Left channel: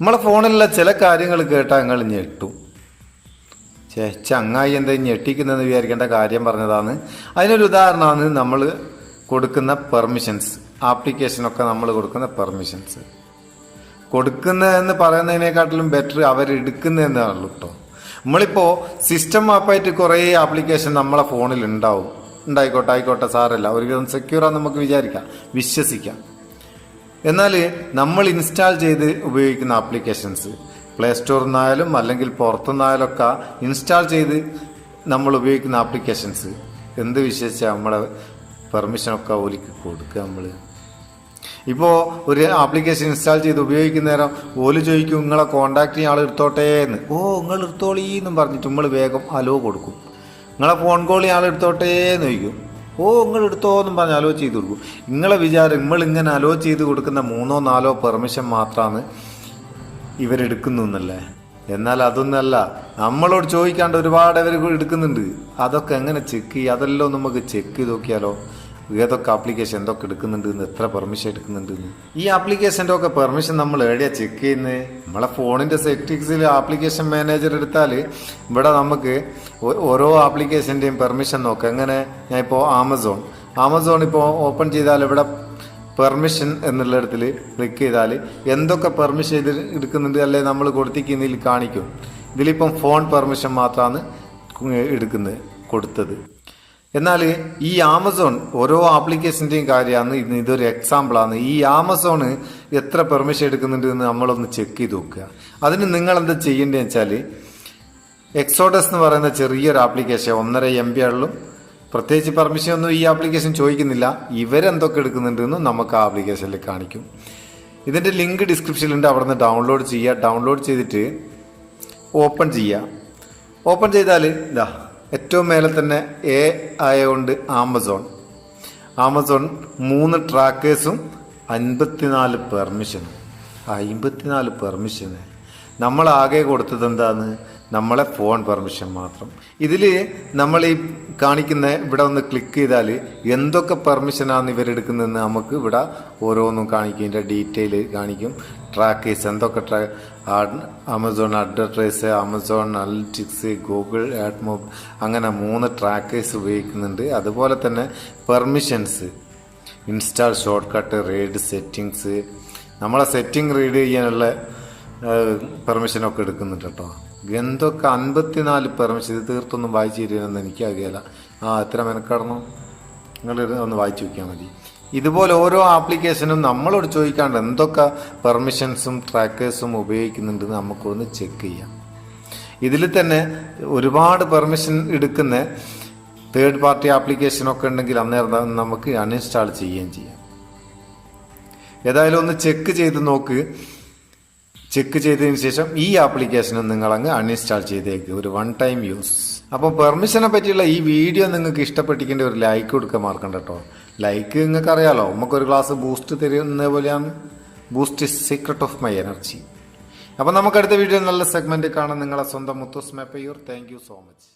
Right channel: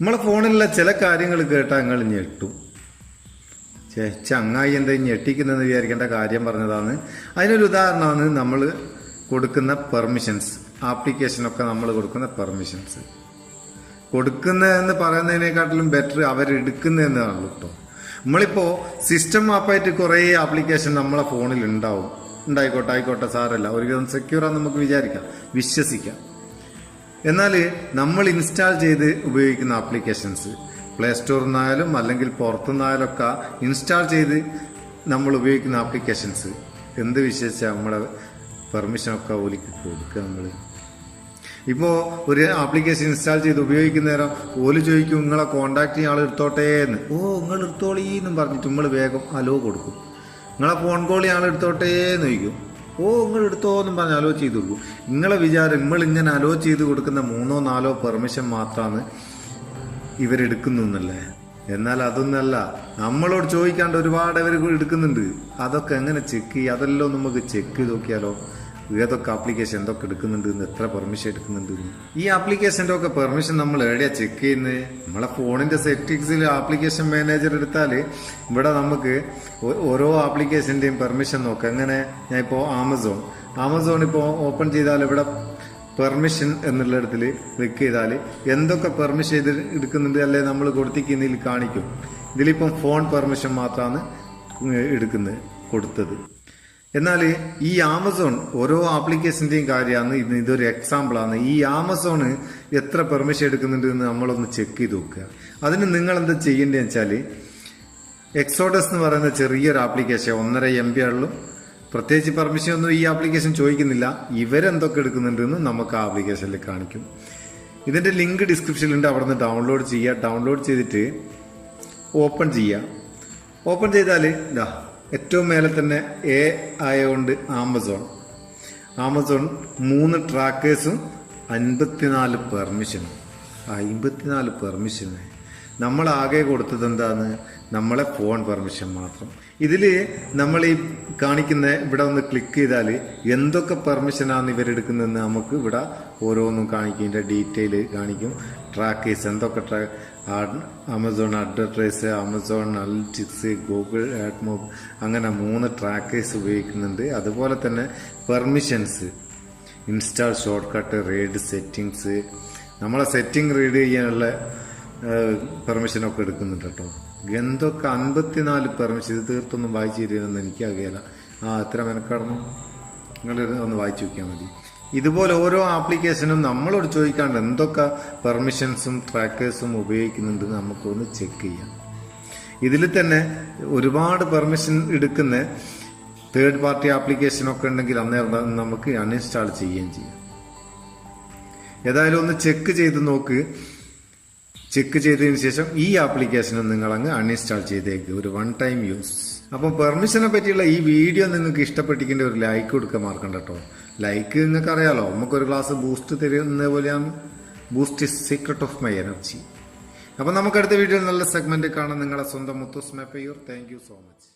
നമ്മളെ ഫോണിലുള്ള ചില കാര്യങ്ങൾ കേട്ടാൽ നിങ്ങൾ ഞെട്ടും. ചങ്ങായി എന്താ ഞെട്ടിക്കുന്നതെന്ന് വിചാരിക്കേണ്ട കാര്യം പറഞ്ഞതാണ്. അതിനൊരു ഉദാഹരണമാണ് നമ്മൾ കൊടുക്കുന്ന പെർമിഷൻസ്. ആപ്ലിക്കേഷനൊക്കെ നമ്മൾ കൊടുക്കുന്ന പെർമിഷൻസ്. കൊടുക്കുന്നതെന്ന് പറയുന്നതിനെക്കാട്ടിലും ബെറ്റർ അവരെടുക്കുന്നതെന്നാണല്ലോ കേട്ടോ. നമ്മളിപ്പോൾ സിസ്റ്റം ആപ്പായിട്ട് കുറേ ആപ്ലിക്കേഷൻ നമ്മളെ ഫോണിൽ ഉണ്ടായിക്കോട്ടെ സാരല്ല, ഒരുവിധം സെക്യൂറാന്ന് നമുക്ക് വിചാരിക്കാം, വിശ്വസിക്കാം. എന്നാൽ നമ്മൾ ഇൻസ്റ്റാൾ ചെയ്ത് ഉപയോഗിക്കുന്ന ആപ്ലിക്കേഷൻസ് പ്ലേ സ്റ്റോറിൽ നിന്നായാലും അല്ലെങ്കിൽ പുറത്തുനിന്നായാലും ഒക്കെ ഇൻസ്റ്റാൾ ചെയ്ത് നമ്മൾ ഉപയോഗിക്കുന്ന ആപ്ലിക്കേഷൻസ് എന്ത് വിശ്വസിച്ചാൽ നമ്മളെ പെർമിഷനൊക്കെ ഓലിക്ക് കൊടുക്കുക. നമ്മൾ ഇപ്പോൾ ഒരു ആപ്ലിക്കേഷൻ ഇൻസ്റ്റാൾ ചെയ്ത് ഉപയോഗിക്കുന്ന നേരം ഓല് ചോദിക്കും നിങ്ങളെ കോണ്ടാക്ട് ചെയ്യുന്ന ആൾ എടുത്തോട്ടേ എന്ന്. നിങ്ങൾ എടുത്തോളീന്നും പറഞ്ഞിട്ട് നമ്മൾ വേഗം അലോ കൊടുക്കും. നിങ്ങളെ ഫോൺ കോൾ ആൾ എടുത്തോട്ടേ എന്ന് ചോദിക്കും. നിങ്ങൾ എടുത്തോ എന്നും പറഞ്ഞ് അലോ ചെയ്ത് കൊടുക്കും. നിങ്ങളെ വിചാരം നമ്മളിങ്ങനെ അലോ ചെയ്ത് കൊടുക്കുന്ന 3-4 പെർമിഷൻ മാത്രമാണ് ഇവരെടുക്കുന്നു എന്നല്ലേ. എന്നാൽ അതൊന്നല്ല, നമ്മളോട് ചോദിക്കാണ്ട് ഒരുപാട് ഇവർ എടുക്കുന്നുണ്ട്. അതൊക്കെ എങ്ങനെ ചെക്ക് ചെയ്യുക? അതെല്ലാം നമുക്ക് ചെക്ക് ചെയ്ത് നോക്കിയാലോ ഏതൊക്കെ ആപ്ലിക്കേഷൻ എന്തൊക്കെ എടുക്കുന്നുണ്ട്, എത്ര പെർമിഷൻ എടുക്കുന്നുണ്ട്. ഈ ആപ്ലിക്കേഷൻ്റെ ഒക്കെ പെർമിഷൻ നമ്മൾ എവിടെയാണ് ചെക്ക് ചെയ്യുന്നത്? നമ്മളെ ഫോണിന്റെ സെറ്റിംഗ്സിൽ ആപ്ലിക്കേഷൻ മാനേജർ എടുത്താൽ ഇവിടെ നമുക്ക് ഓരോ ആപ്ലിക്കേഷന്റെയും പെർമിഷൻ നോക്കാം. എങ്ങനെ? ഞാൻ ഇപ്പോൾ ആമസോൺ ഇപ്പോൾ ഓപ്പൺ ചെയ്താൽ ഇവിടെ പെർമിഷൻ എന്നുള്ളിടത്തിൽ ക്ലിക്ക് ചെയ്താൽ എന്തൊക്കെ പെർമിഷൻ എടുക്കുന്നുണ്ട് അല്ലെ നമ്മൾ കൊടുത്തിരിക്കുന്നതിൽ കാണിക്കും. ഇതിലിപ്പം ഫോൺ പെർമിഷൻ മാത്രമാണ് കൊടുത്തത്. എന്നാൽ ഈ ആമസോൺ ഓരോ ആപ്ലിക്കേഷന്റെയും കാര്യമാണ്. ഇതൊരു എക്സാമ്പിളാണ്. ഈ ആമസോൺ എത്ര പെർമിഷൻ എടുക്കുന്നുണ്ട് എന്ന് നമ്മളൊന്ന് ചെക്ക് ചെയ്ത് നോക്കുക. അതിന് നിങ്ങൾ എന്താ ചെയ്യേണ്ടതെന്ന് വെച്ചാൽ എക്സോഡസ് എന്ന് പറയുന്ന ചെറിയൊരു ആപ്ലിക്കേഷൻ 1.5 MB ഉള്ളൂ. പ്രത്യേകിച്ച് പെർമിഷൻ ഒന്നും ഈ ആപ്ലിക്കേഷൻ ചോദിക്കുന്നില്ല. ഇവരെന്തൊക്കെ എടുക്കുന്നുണ്ട് എന്ന് നമുക്ക് ആ ആപ്ലിക്കേഷനിൽ കാണിക്കും. ഇതിന്റെ ലിങ്ക് ഡിസ്ക്രിപ്ഷനിലുണ്ട്, അവിടെ നിന്ന് ഡൗൺലോഡ് ചെയ്യുക. ഡൗൺലോഡ് ചെയ്തിട്ട് ഓപ്പൺ ചെയ്യുക. ഓപ്പൺ ചെയ്താൽ ഇതാ ഏറ്റവും മേലെ തന്നെ ആയതുകൊണ്ട് ആമസോൺ 3 ട്രാക്കേഴ്സും 54 പെർമിഷനും. 54 പെർമിഷന് നമ്മൾ ആകെ കൊടുത്തത് എന്താണ്? നമ്മളെ ഫോൺ പെർമിഷൻ മാത്രം. ഇതിൽ നമ്മൾ ഈ കാണിക്കുന്ന ഇവിടെ ഒന്ന് ക്ലിക്ക് ചെയ്താൽ എന്തൊക്കെ പെർമിഷനാണ് ഇവരെടുക്കുന്നതെന്ന് നമുക്ക് ഇവിടെ ഓരോന്നും കാണിക്കും. ഇതിൻ്റെ ഡീറ്റെയിൽ കാണിക്കും. ട്രാക്കേഴ്സ് എന്തൊക്കെ Amazon advertise, Amazon analytics, Google AdMob, അങ്ങനെ 3 ട്രാക്കേഴ്സ് ഉപയോഗിക്കുന്നുണ്ട്. അതുപോലെ തന്നെ permissions, install shortcut, read settings, നമ്മളെ സെറ്റിംഗ് റീഡ് ചെയ്യാനുള്ള പെർമിഷനൊക്കെ എടുക്കുന്നുണ്ട് കേട്ടോ. എന്തൊക്കെ 54 പെർമിഷൻ. ഇത് തീർത്തൊന്നും വായിച്ചു തരുമെന്ന് എനിക്കറിയില്ല. എത്ര മെനക്കെടണം, നിങ്ങൾ ഒന്ന് വായിച്ചു നോക്കിയാൽ മതി. ഇതുപോലെ ഓരോ ആപ്ലിക്കേഷനും നമ്മളോട് ചോദിക്കാണ്ട് എന്തൊക്കെ പെർമിഷൻസും ട്രാക്കേഴ്സും ഉപയോഗിക്കുന്നുണ്ടെന്ന് നമുക്കൊന്ന് ചെക്ക് ചെയ്യാം. ഇതിൽ തന്നെ ഒരുപാട് പെർമിഷൻ എടുക്കുന്ന തേർഡ് പാർട്ടി ആപ്ലിക്കേഷനൊക്കെ ഉണ്ടെങ്കിൽ അന്നേരം നമുക്ക് അൺഇൻസ്റ്റാൾ ചെയ്യുകയും ചെയ്യാം. ഏതായാലും ഒന്ന് ചെക്ക് ചെയ്ത് നോക്ക്. ചെക്ക് ചെയ്തതിന് ശേഷം ഈ ആപ്ലിക്കേഷനും നിങ്ങൾ അങ്ങ് അൺഇൻസ്റ്റാൾ ചെയ്തേക്ക്, ഒരു 1 ടൈം യൂസ്. അപ്പോൾ പെർമിഷനെ പറ്റിയുള്ള ഈ വീഡിയോ നിങ്ങൾക്ക് ഇഷ്ടപ്പെട്ടിരിക്കേണ്ട ഒരു ലൈക്ക് കൊടുക്കാൻ മറക്കണ്ട കേട്ടോ. ലൈക്ക് നിങ്ങൾക്ക് അറിയാലോ, നമുക്കൊരു ഗ്ലാസ് ബൂസ്റ്റ് തരുന്ന പോലെയാണ്. Boost is secret of my energy. അപ്പോൾ നമുക്ക് അടുത്ത വീഡിയോ നല്ല സെഗ്മെന്റ് കാണാം. നിങ്ങളെ സ്വന്തം Muthus Meppayur. Thank you so much.